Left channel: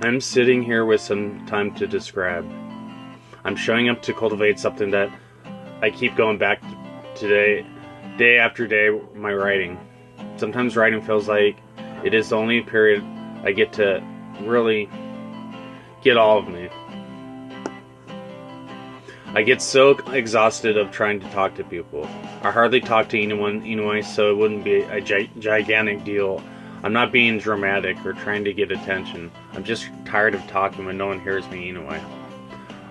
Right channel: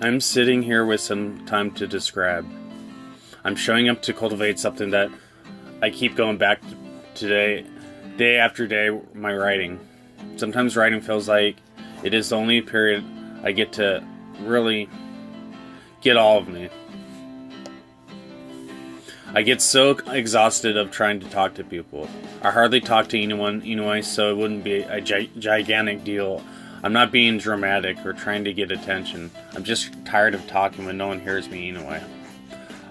I'm sitting here with some time to describe. I'm showing up to cultivate something that I keep going back to day after day, my writing. Sometimes writing feels like it is the only period I get to really get all of me. I get so exhausted of trying to talk to people. I hardly talk to anyone anyway, so it wouldn't be a gigantic deal. I'm not being dramatic or trying to get attention. I'm just tired of talking when no one hears me anyway.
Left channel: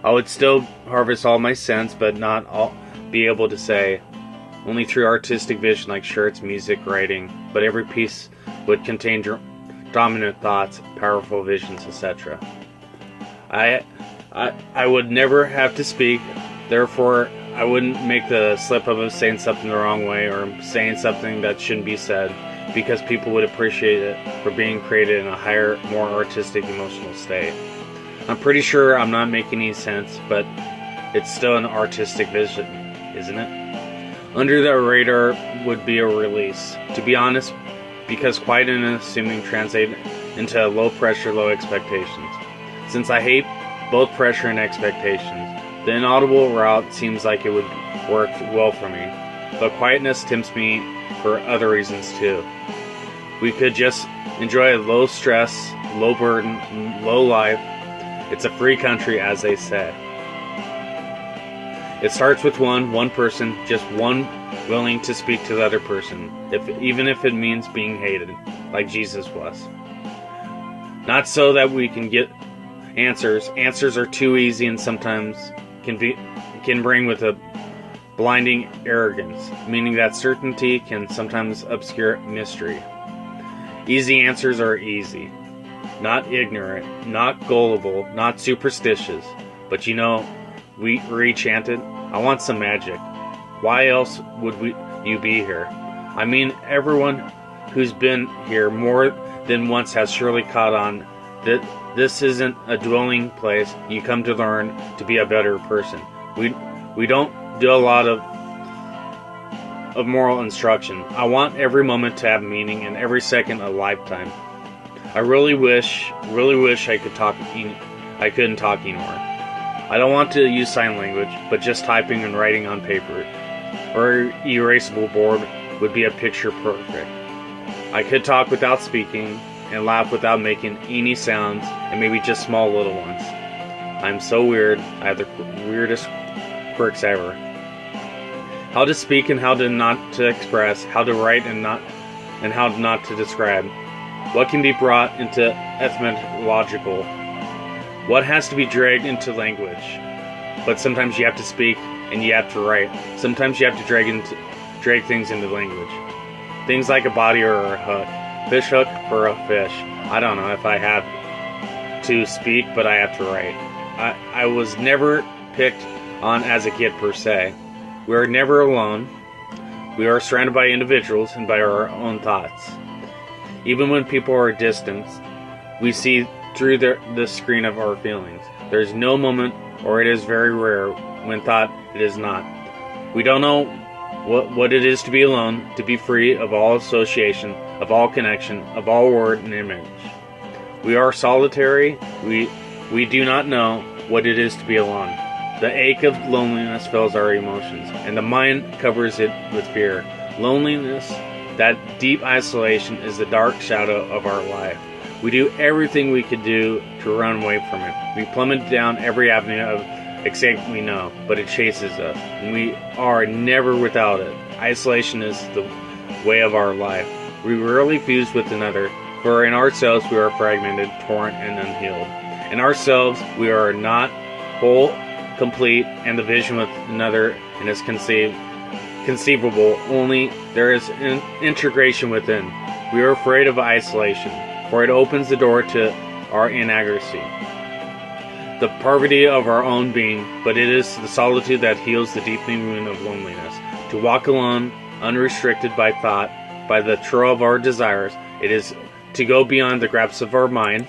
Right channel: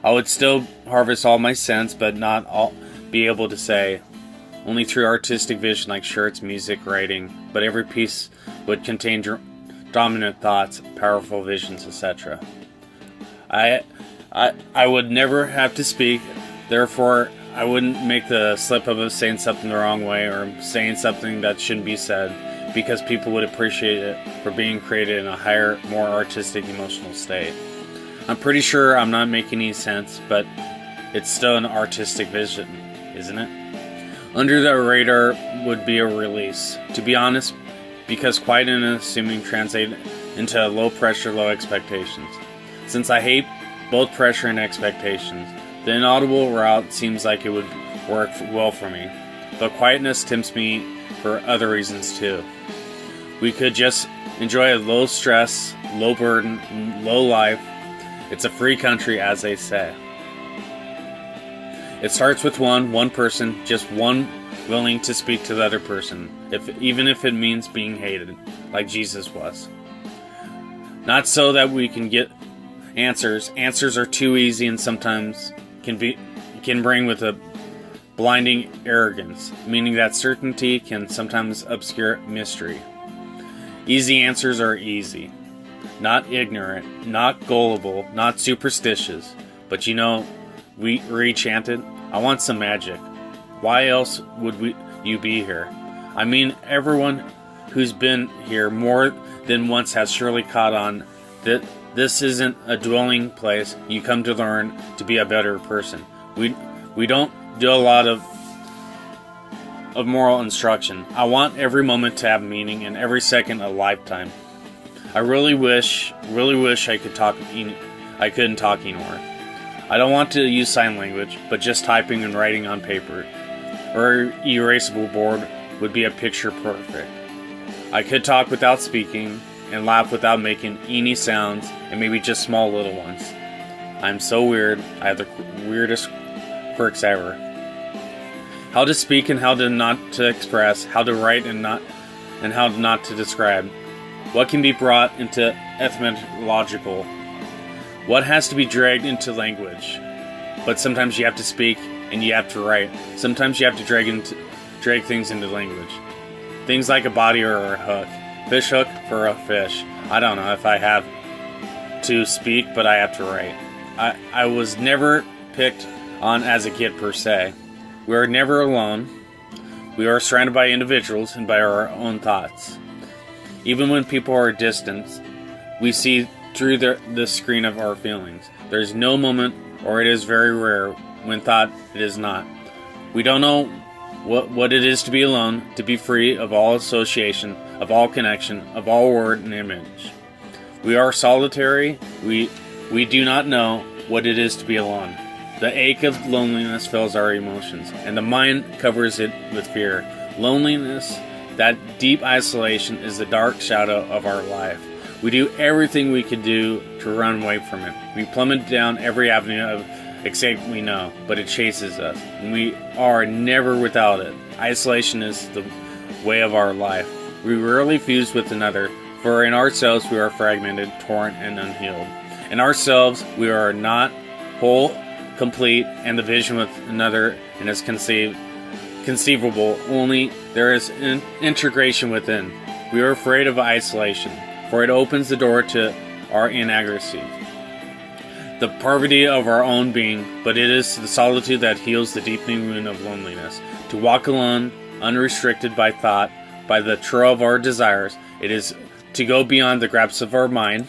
I would still harvest all my sense, but not all be able to say. Only through artistic vision like shirts, music, writing. But every piece would contain dominant thoughts, powerful visions, etc. I would never have to speak, therefore I wouldn't make the slip of saying something the wrong way or saying something that shouldn't be said, because people would appreciate it for being created in a higher, more artistic, emotional state. I'm pretty sure I'm not making any sense, but it's still an artistic vision, isn't it? Under the radar would be a release, to be honest, because quiet and unassuming translate into low pressure, low expectations. Since I hate both pressure and expectations, the inaudible route seems like it would work well for me. But quietness tempts me for other reasons too. We could just enjoy a low stress, low burden, low life. It's a free country, as they say. It starts with one person, just one willing to speak to the other person, even if it means being hated, like Jesus was. Not so that we can get answers. Answers are too easy and sometimes can bring with a blinding arrogance, meaning that certainty can sometimes obscure mystery. Easy answers are easy. Not ignorant, not gullible, not superstitious. But we chanted, I want some magic. Why else would you be here? I mean, everyone who's been here more than once has surely caught on that this isn't a dwelling place. You come to learn to be a better person. We don't do a lot of moral instruction. I want every moment to have meaning and every second a lifetime. I really wish I could talk. I couldn't talk anymore. I don't want to use sign language, but just typing and writing on paper or erasable board would be a picture perfect. I could talk without speaking and laugh without making any sounds, and maybe just small little ones. I'm so weird. I have the weirdest quirks ever. How to speak and how to not to express, how to write and how not to describe. What can be brought into etymological? What has to be dragged into language? But sometimes you have to speak and you have to write. Sometimes you have to drag things into language. Things like a body or a hook. Fish hook for a fish. I don't know if I have to speak, but I have to write. I was never picked on as a kid per se. We are never alone. We are surrounded by individuals and by our own thoughts. Even when people are distant, we see through the screen of our feelings. There is no moment, or it is very rare, when thought it is not. We don't know what it is to be alone, to be free of all association, of all connection, of all word and image. We are solitary. We do not know what it is to be alone. The ache of loneliness fills our emotions, and the mind covers it with fear. Loneliness, that deep isolation, is the dark shadow of our life. We do everything we could do to run away from it. We plummet down every avenue of escape we know, but it chases us, and we are never without it. Isolation is the way of our life. We rarely fuse with another, for in ourselves we are fragmented, torn, and unhealed. In ourselves we are not whole, complete, and the vision with another is conceivable. Only there is an integration within. We are afraid of isolation, for it opens the door to our inadequacy, the poverty of our own being, but it is the solitude that heals the deepening wound of loneliness. To walk alone, unrestricted by thought, by the trail of our desires, it is to go beyond the grasp of our mind.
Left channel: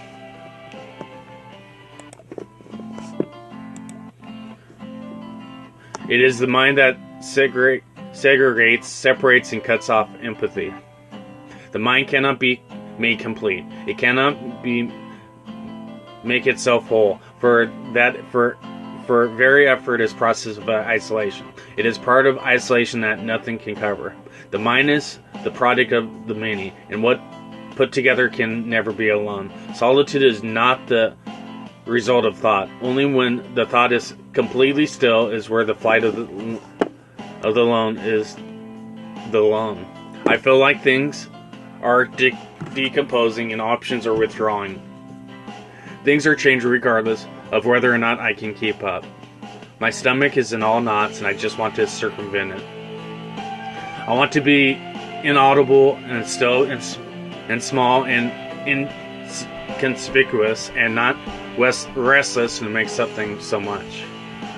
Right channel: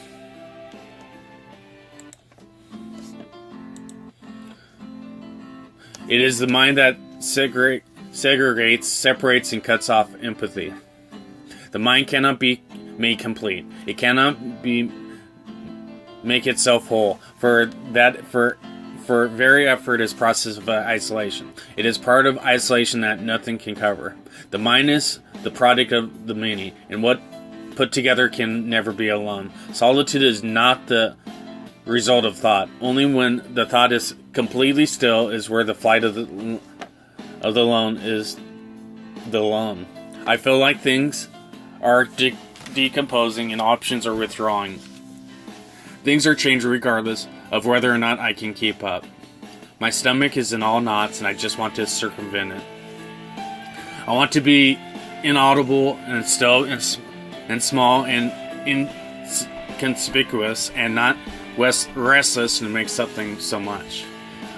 It is the mind that segregates, separates, and cuts off empathy. The mind cannot be made complete. It cannot be make itself whole. For very effort is process of isolation. It is part of isolation that nothing can cover. The mind is the product of the many, and what put together can never be alone. Solitude is not the result of thought. Only when the thought is completely still is where the flight of the lone is the lone. I feel like things are decomposing and options are withdrawing. Things are changing regardless of whether or not I can keep up. My stomach is in all knots and I just want to circumvent it. I want to be inaudible and still and small and inconspicuous and not restless to make something so much.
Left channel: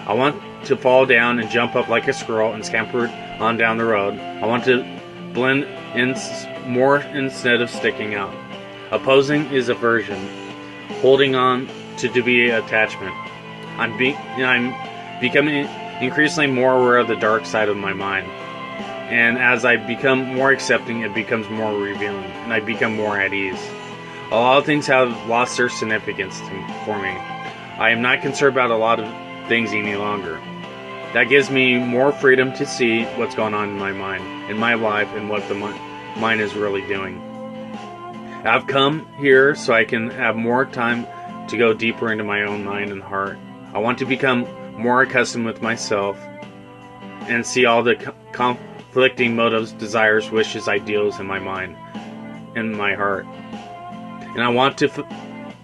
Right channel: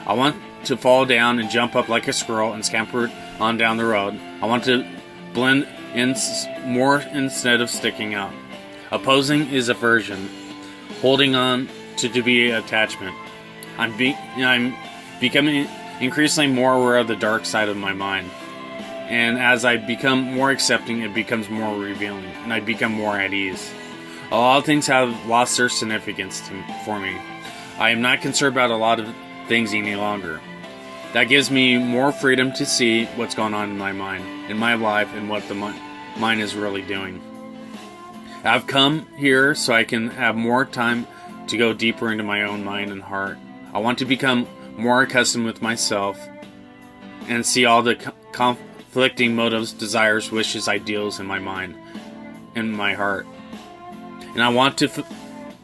I want to fall down and jump up like a squirrel and scamper on down the road. I want to blend in more instead of sticking out. Opposing is aversion. Holding on to be attachment. I'm becoming increasingly more aware of the dark side of my mind. And as I become more accepting, it becomes more revealing, and I become more at ease. A lot of things have lost their significance for me. I am not concerned about a lot of things any longer. That gives me more freedom to see what's going on in my mind, in my life, and what the mind is really doing. I've come here so I can have more time to go deeper into my own mind and heart. I want to become more accustomed with myself and see all the conflicting motives, desires, wishes, ideals in my mind, in my heart. And I want to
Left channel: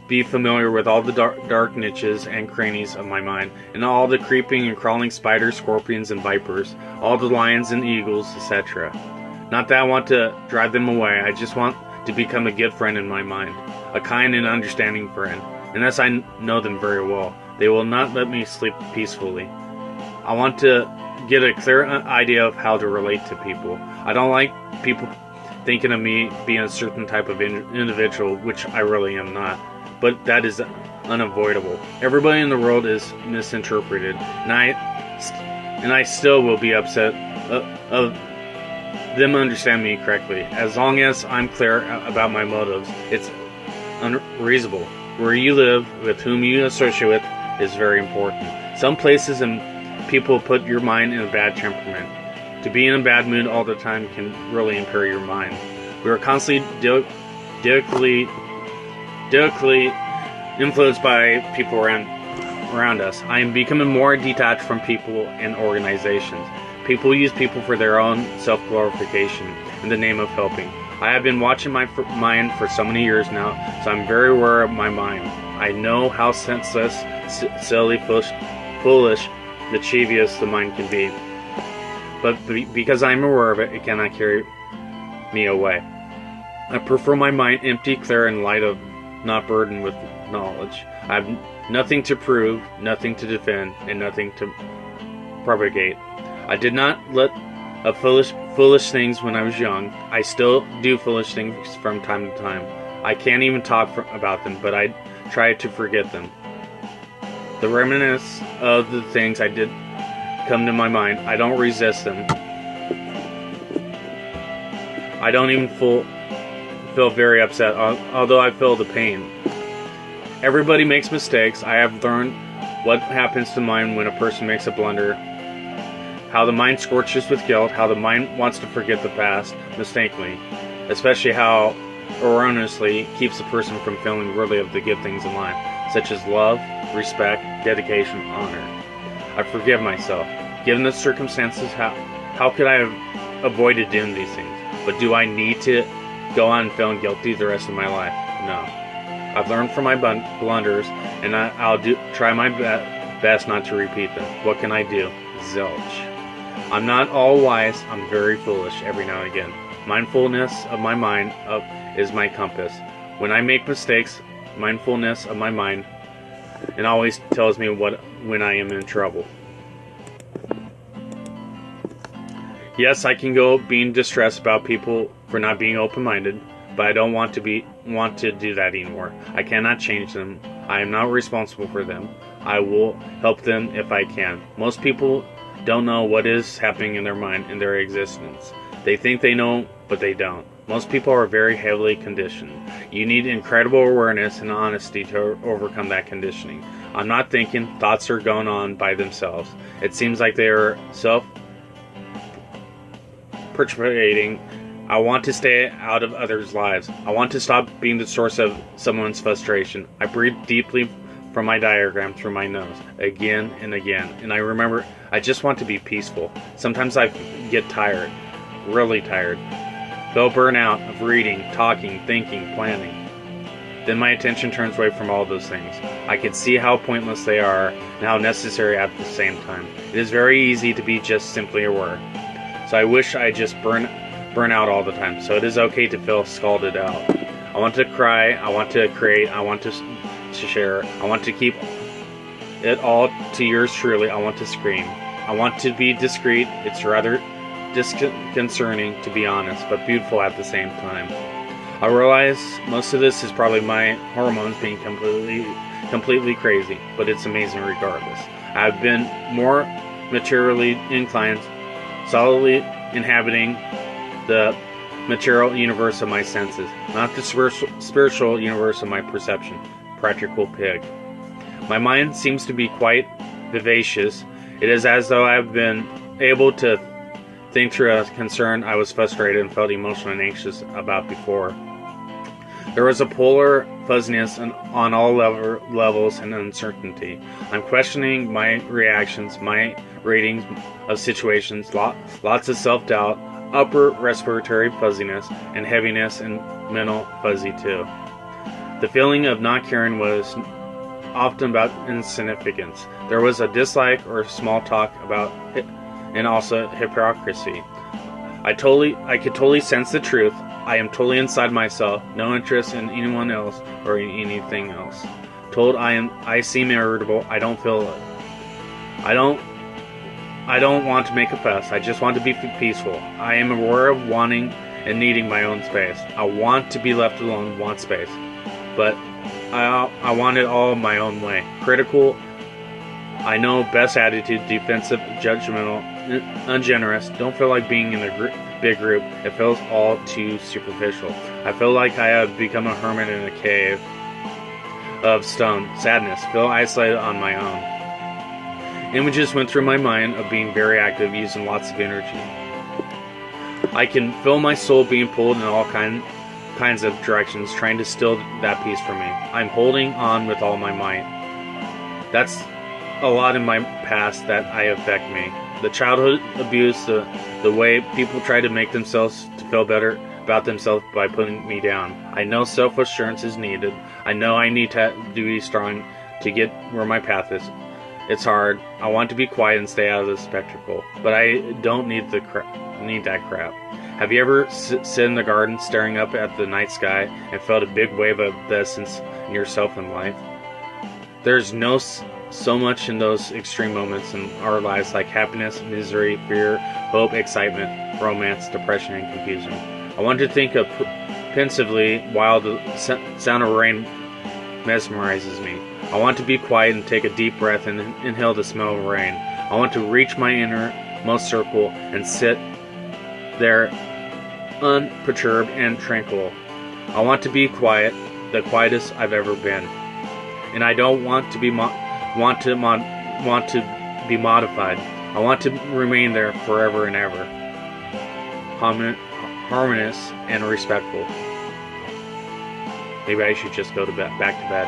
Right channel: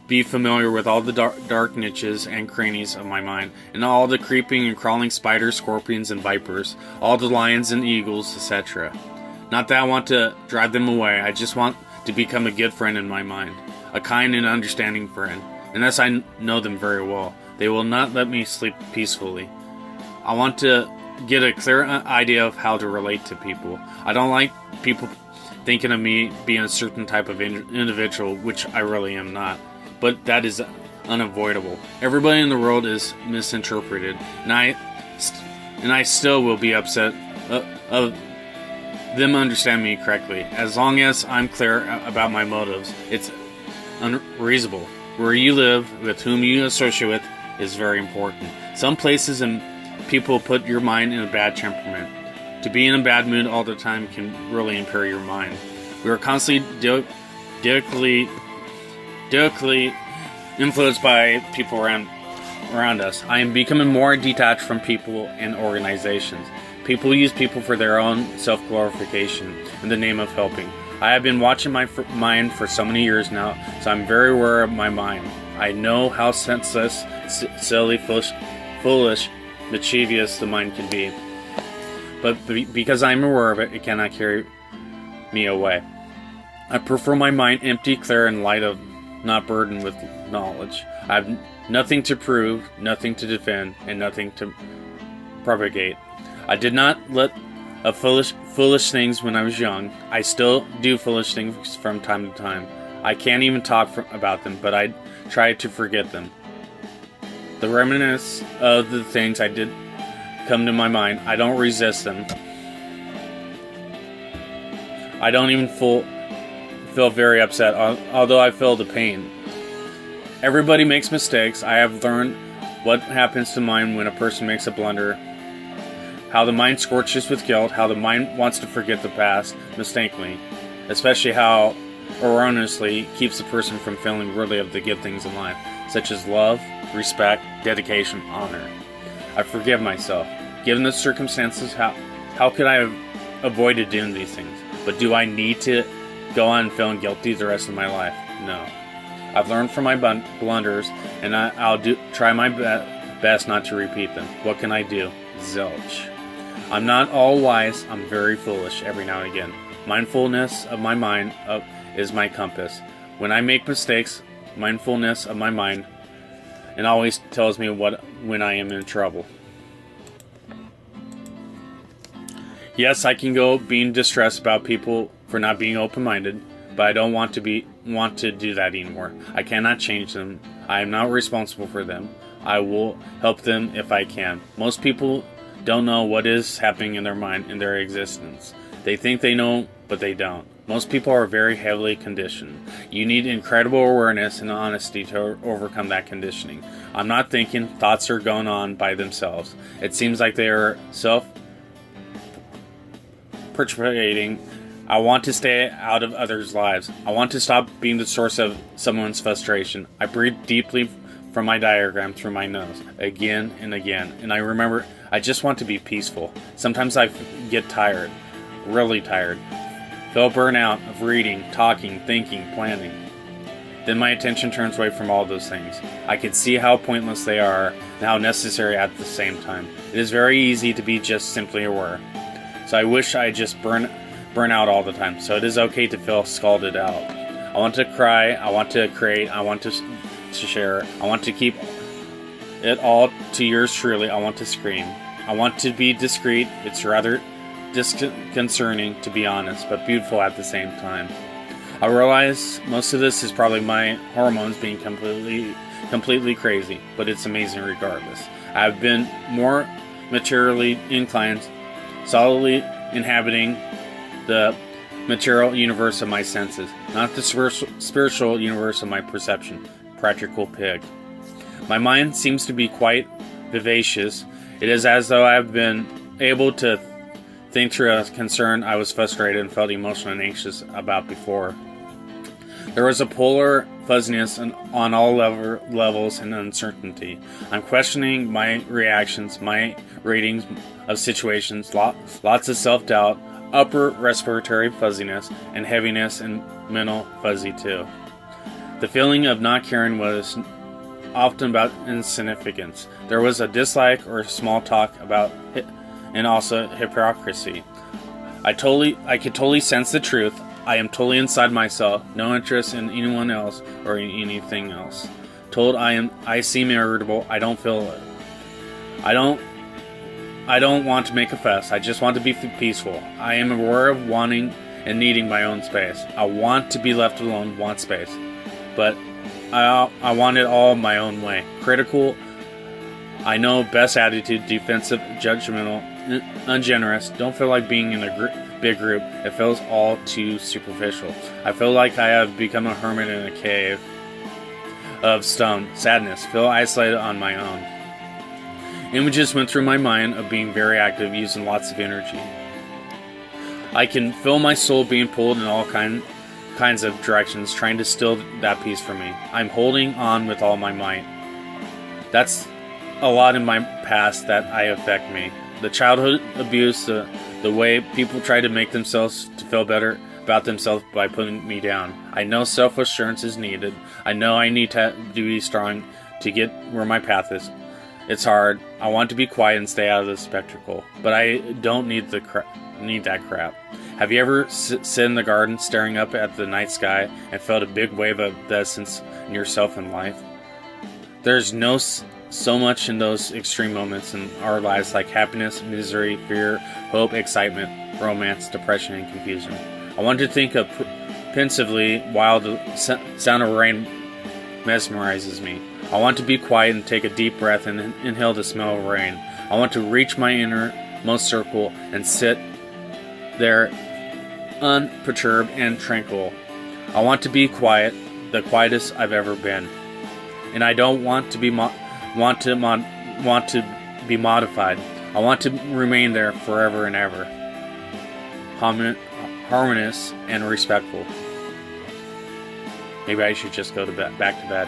be familiar with all the dark niches and crannies of my mind, and all the creeping and crawling spiders, scorpions, and vipers, all the lions and eagles, etc. Not that I want to drive them away, I just want to become a good friend in my mind, a kind and understanding friend. Unless I know them very well, they will not let me sleep peacefully. I want to get a clear idea of how to relate to people. I don't like people thinking of me being a certain type of individual, which I really am not. But that is unavoidable. Everybody in the world is misinterpreted, and I still will be upset of them understand me correctly. As long as I'm clear about my motives, it's unreasonable. Where you live, with whom you associate with, is very important. Some places and people put your mind in a bad temperament. To be in a bad mood all the time can really impair your mind. We are constantly directly influenced by people around us. I am becoming more detached from people and organizations. People use people for their own self-glorification in the name of helping. I have been watching my mind for so many years now, so I'm very aware of my mind. I know how senseless, silly, foolish, mischievous the mind can be. But because I'm aware of it, it cannot carry me away. I prefer my mind empty, clear, and light of not burdened with knowledge. I have nothing to prove, nothing to defend, and nothing to propagate. I did not let foolish things when I was young. I still do foolish things from time to time. I can't even talk about them, but I try to forget them. The remnants of the things I did come to my mind. I don't resist them. I don't even feel very upset, although I feel the pain. Everybody makes mistakes. I have learned what happens to mind when a person makes a blunder, how the mind scorches with guilt, how the mind wants to forget the past mistakenly, especially how erroneously keeps the person from feeling worthy of the good things in life, such as love, respect, dedication, honor. I forgive myself. Given the circumstances, how could I have avoided doing these things? But do I need to go on feeling guilty the rest of my life? No. I've learned from my blunders, and I'll try my best not to repeat them. What can I do? Zilch. I'm not all wise. I'm very foolish every now and again. Mindfulness of my mind is my compass. When I make mistakes, mindfulness of my mind, it always tells me when I am in trouble. Yes, I can go being distressed about people for not being open-minded, but I don't want to do that anymore. I cannot change them. I am not responsible for them. I will help them if I can. Most people don't know what is happening in their mind, in their existence. They think they know, but they don't. Most people are very heavily conditioned. You need incredible awareness and honesty to overcome that conditioning. I'm not thinking, thoughts are going on by themselves. It seems like they are self-perpetuating. I want to stay out of others' lives. I want to stop being the source of someone's frustration. I breathe deeply from my diaphragm through my nose, again and again. And I remember, I just want to be peaceful. Sometimes I get tired, really tired. Feel burnout of reading, talking, thinking, planning. Then my attention turns away from all those things. I can see how pointless they are and how necessary at the same time. It is very easy to be just simply aware. So I wish I just burn out all the time. So it is okay to feel scalded out. I want to cry. I want to create. I want to share. I want to keep it all to yours truly. I want to scream. I want to be discreet. It's rather disconcerting, to be honest, but beautiful at the same time. I realize most of this is probably my hormones being completely crazy, but it's amazing regardless. I've been more materially inclined, solidly inhabiting the material universe of my senses, not the spiritual universe of my perception. Practical pig. My mind seems to be quite vivacious. It is as though I've been able to think through a concern I was frustrated and felt emotional and anxious about before. There was a polar fuzziness on all levels and uncertainty. I'm questioning my reactions, my ratings of situations, lots of self-doubt, upper respiratory fuzziness, and heaviness and mental fuzzy too. The feeling of not caring was often about insignificance. There was a dislike or small talk about it, and also hypocrisy. I could totally sense the truth. I am totally inside myself, no interest in anyone else or anything else. Told I seem irritable. I don't feel it. I don't want to make a fuss. I just want to be peaceful. I am aware of wanting and needing my own space. I want to be left alone, want space. But I want it all my own way. Critical, I know, best attitude, defensive, judgmental, ungenerous. Don't feel like being in a big group. It feels all too superficial. I feel like I have become a hermit in a cave of stone. Sadness. Feel isolated on my own. Images went through my mind of being very active, using lots of energy. I can feel my soul being pulled in all kinds of directions, trying to still that peace for me. I'm holding on with all my might. That's a lot in my past that affect me. The childhood abuse, the way people try to make themselves to feel better about themselves by putting me down. I know self-assurance is needed. I know I need to be strong to get where my path is. It's hard. I want to be quiet and stay out of the spectacle, but I don't need that crap. Have you ever sit in the garden staring up at the night sky and felt a big wave of essence in yourself and life? There's so much in those extreme moments in our lives, like happiness, misery, fear, hope, excitement, romance, depression, and confusion. I want to think of pensively while the sound of rain mesmerizes me. I want to be quiet and take a deep breath and inhale the smell of rain. I want to reach my innermost circle and sit there unperturbed and tranquil. I want to be quiet, the quietest I've ever been. And I don't want to be want to be modified. I want to remain there forever and ever. Harmonious and respectful. Maybe I should just go back to bed.